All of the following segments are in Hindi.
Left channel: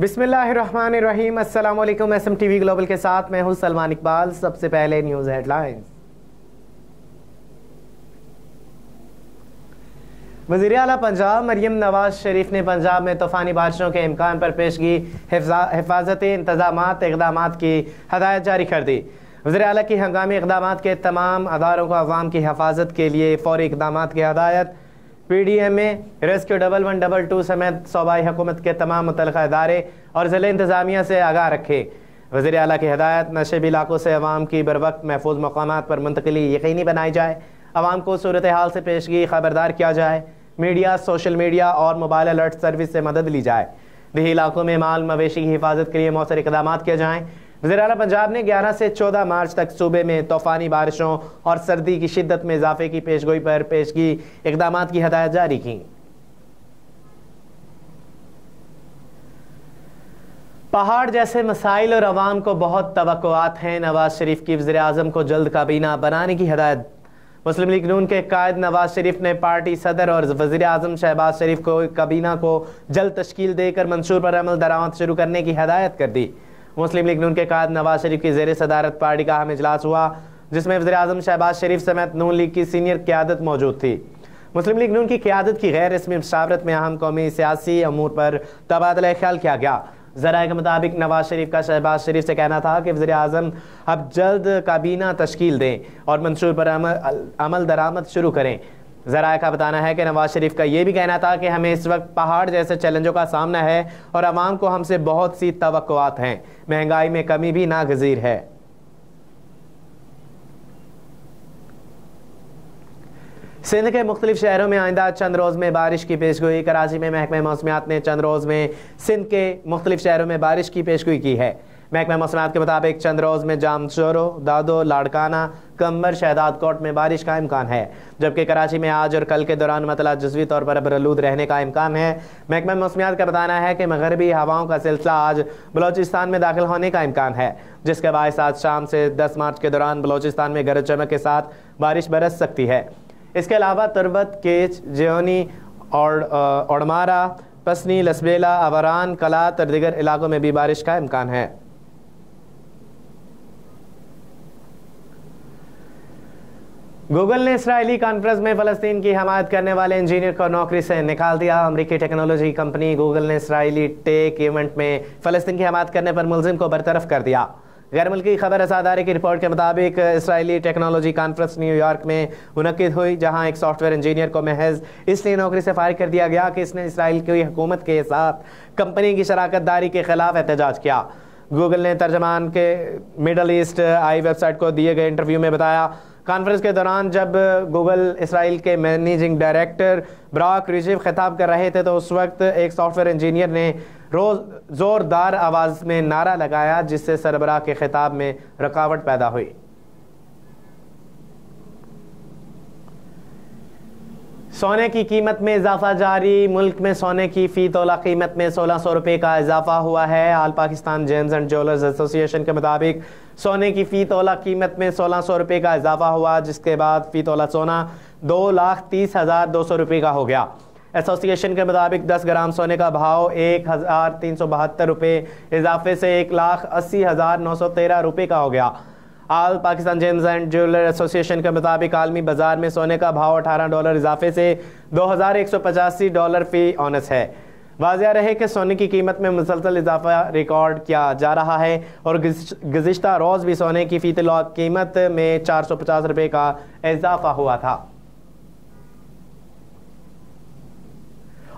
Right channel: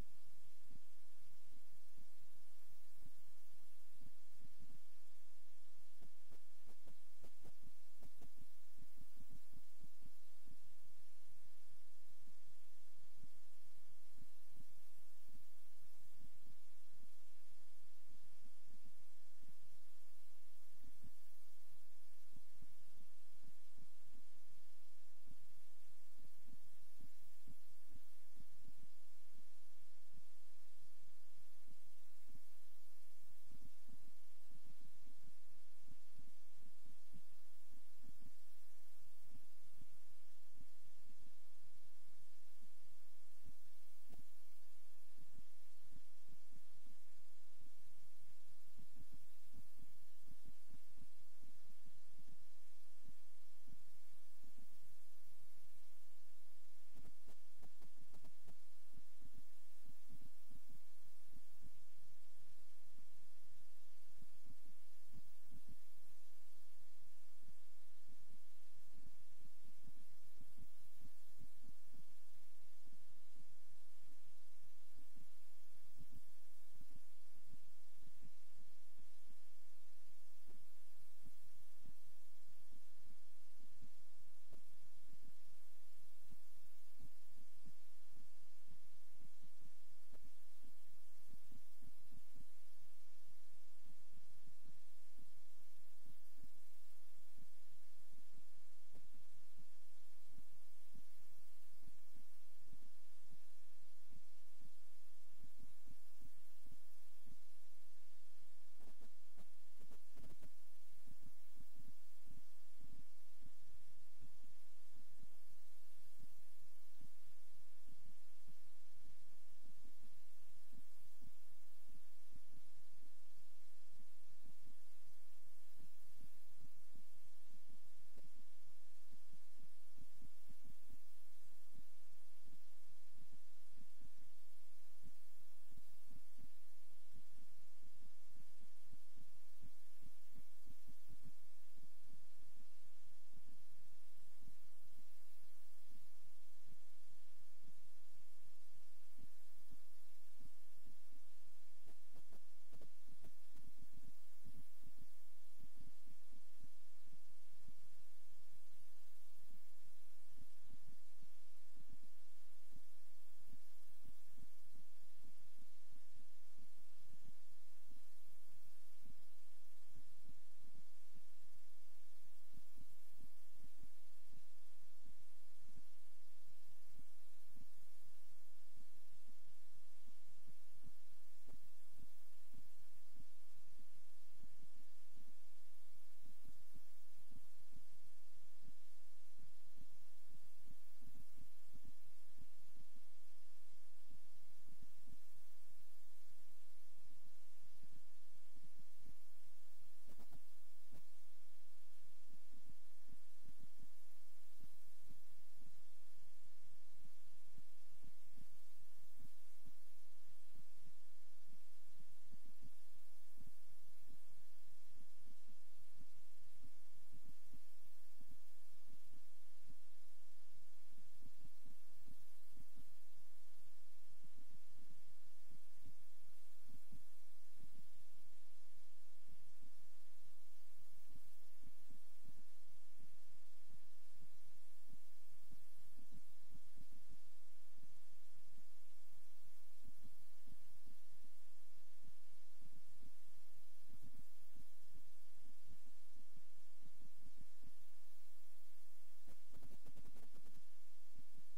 बिस्मिल्लाहिर्रहमानिर्रहीम। अस्सलाम वालेकुम। SMTV ग्लोबल के साथ मैं हूं सलमान इकबाल। सबसे पहले न्यूज़ हेडलाइंस। वज़ीर आला पंजाब मरियम नवाज शरीफ ने पंजाब में तूफ़ानी बारिशों के इम्कान पर पेशगी हिफाजती इंतजामात इक़दामात की हदायत जारी कर दी। वज़ीर आला की हंगामी इक़दामात के तमाम अदारों को अवाम की हिफाजत के लिए फ़ौरी इक़दामात की हदायत। PDMA रेस्क्यू 1112 समेत सूबाई हुकूमत के तमाम मुतल्लिक़ा इदारे और ज़िले इंतज़ामिया से आगाह रखे। वज़ीर आला की हदायत नशेबी इलाकों से अवाम की बर वक्त महफूज मकामात पर मुंतकिली यकीनी बनाई जाए। अवाम को सूरत हाल से पेशगी खबरदार किया जाए। मीडिया, सोशल मीडिया और मोबाइल अलर्ट सर्विस से मदद ली जाए। देही इलाकों में माल मवेशी की हिफाजत के लिए मौसर इक़दाम किए जाएँ। वज़ीर आला पंजाब ने 11 से 14 मार्च तक सूबे में तूफ़ानी बारिशों और सर्दी की शिद्दत में इजाफे की पेशगोई पर पेशगी इक़दामात की हदायत जारी की। पहाड़ जैसे मसाइल और अवाम को बहुत तवक्कुआत हैं। नवाज शरीफ की वज़ीर आज़म को जल्द काबीना बनाने की हदायत। मुस्लिम लीग नून के कायद नवाज शरीफ ने पार्टी सदर और वज़ीर आज़म शहबाज शरीफ को काबीना को जल्द तश्कील देकर मंशूर पर अमल दरामद शुरू करने की हदायत कर दी। मुस्लिम लीग नून के कायद नवाज शरीफ की ज़ेर सदारत पार्टी का अहम इजलास हुआ, जिसमें वज़ीर आज़म शहबाज शरीफ समेत नून लीग की सीनियर क़यादत मौजूद थी। मुस्लिम लीग नून की क़यादत की गैर रस्मी मशावरत में अहम कौमी सियासी अमूर पर तबादला ख्याल किया गया। ज़राए के मुताबिक नवाज शरीफ का शहबाज शरीफ से कहना था कि वज़ीर आज़म अब जल्द काबीना तश्कील दें और मंशूर पर अमल दरामद शुरू करें। ज़राए का बताना है कि नवाज शरीफ का ये भी कहना था कि हमें इस वक्त पहाड़ जैसे चैलेंजों का सामना है और अवाम को हमसे बहुत सी तवक्कुआत हैं। महंगाई में कमी भी नागज़ीर है। सिंध के मुख्तलिफ शहरों में आइंदा चंद रोज़ में बारिश की पेशगोई। कराची में महकमा मौसमियात ने चंद रोज़ में सिंध के मुख्तलिफ शहरों में बारिश की पेशगोई की है। महकमा मौसमियात के मुताबिक चंद रोज़ में जामशोरो, दादो, लाड़काना, कंबर, शहदाद कोट में बारिश का इम्कान है, जबकि कराची में आज और कल के दौरान मतला जुज़वी तौर पर बरआलूद रहने का इम्कान है। महकमा मौसमियात का बताना है कि मगरबी हवाओं का सिलसिला आज बलोचिस्तान में दाखिल होने का इम्कान है, जिसके बायस आज शाम से 10 मार्च के दौरान बलोचिस्तान में गरज चमक के साथ बारिश बरस सकती है। इसके अलावा तुरबत, केच, जेहोनी और ओडमारा, पसनी, लसबेला, अवरान, कलात और दीगर इलाकों में भी बारिश का इम्कान है। गूगल ने इसराइली कॉन्फ्रेंस में फ़लस्तीन की हमायत करने वाले इंजीनियर को नौकरी से निकाल दिया। अमरीकी टेक्नोलॉजी कंपनी गूगल ने इसराइली टेक इवेंट में फ़लस्तीन की हमायत करने पर मुलजिम को बरतरफ कर दिया। गैर मुल्की खबर असादारी की रिपोर्ट के मुताबिक इसराइली टेक्नोलॉजी कॉन्फ्रेंस न्यूयॉर्क में मुनक्किद हुई, जहां एक सॉफ्टवेयर इंजीनियर को महज इसलिए नौकरी से फारिग कर दिया गया कि इसने इसराइल की हुकूमत के साथ कंपनी की शराकत दारी के खिलाफ एहतजाज किया। गूगल ने तर्जमान के मिडल ईस्ट आई वेबसाइट को दिए गए इंटरव्यू में बताया, कॉन्फ्रेंस के दौरान जब गूगल इसराइल के मैनेजिंग डायरेक्टर ब्रॉक रिजिव खिताब कर रहे थे तो उस वक्त एक सॉफ्टवेयर इंजीनियर ने ज़ोरदार आवाज़ में नारा लगाया, जिससे सरबराह के खिताब में रुकावट पैदा हुई। सोने की कीमत में इजाफा जारी। मुल्क में सोने की फ़ी तोला कीमत में 1600 रुपये का इजाफा हुआ है। All Pakistan gems and jewellers association के मुताबिक सोने की फ़ी तोला कीमत में 1600 रुपये का इजाफा हुआ, जिसके बाद फ़ी तोला सोना 2,30,200 रुपये का हो गया। एसोसिएशन के मुताबिक 10 ग्राम सोने का भाव 1,372 रुपये इजाफे से 1,80,913 रुपये का हो गया। All Pakistan gems and jeweller association के मुताबिक आलमी बाजार में सोने का भाव $18 इजाफे से $2,185 फ़ी औनस है। वाज़िया रहे कि सोने की कीमत में मुसलसल इजाफा रिकॉर्ड किया जा रहा है और गुज़िश्ता रोज़ भी सोने की फ़ी तोला कीमत में 450 रुपये का इजाफा हुआ था।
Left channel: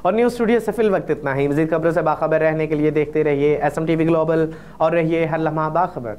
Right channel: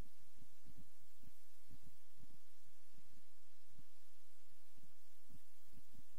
और न्यूज़ स्टूडियो से फिल वक्त इतना ही। मज़ीद खबरों से बाखबर रहने के लिए देखते रहिए SMTV ग्लोबल और रहिए हर लम्हा बाखबर।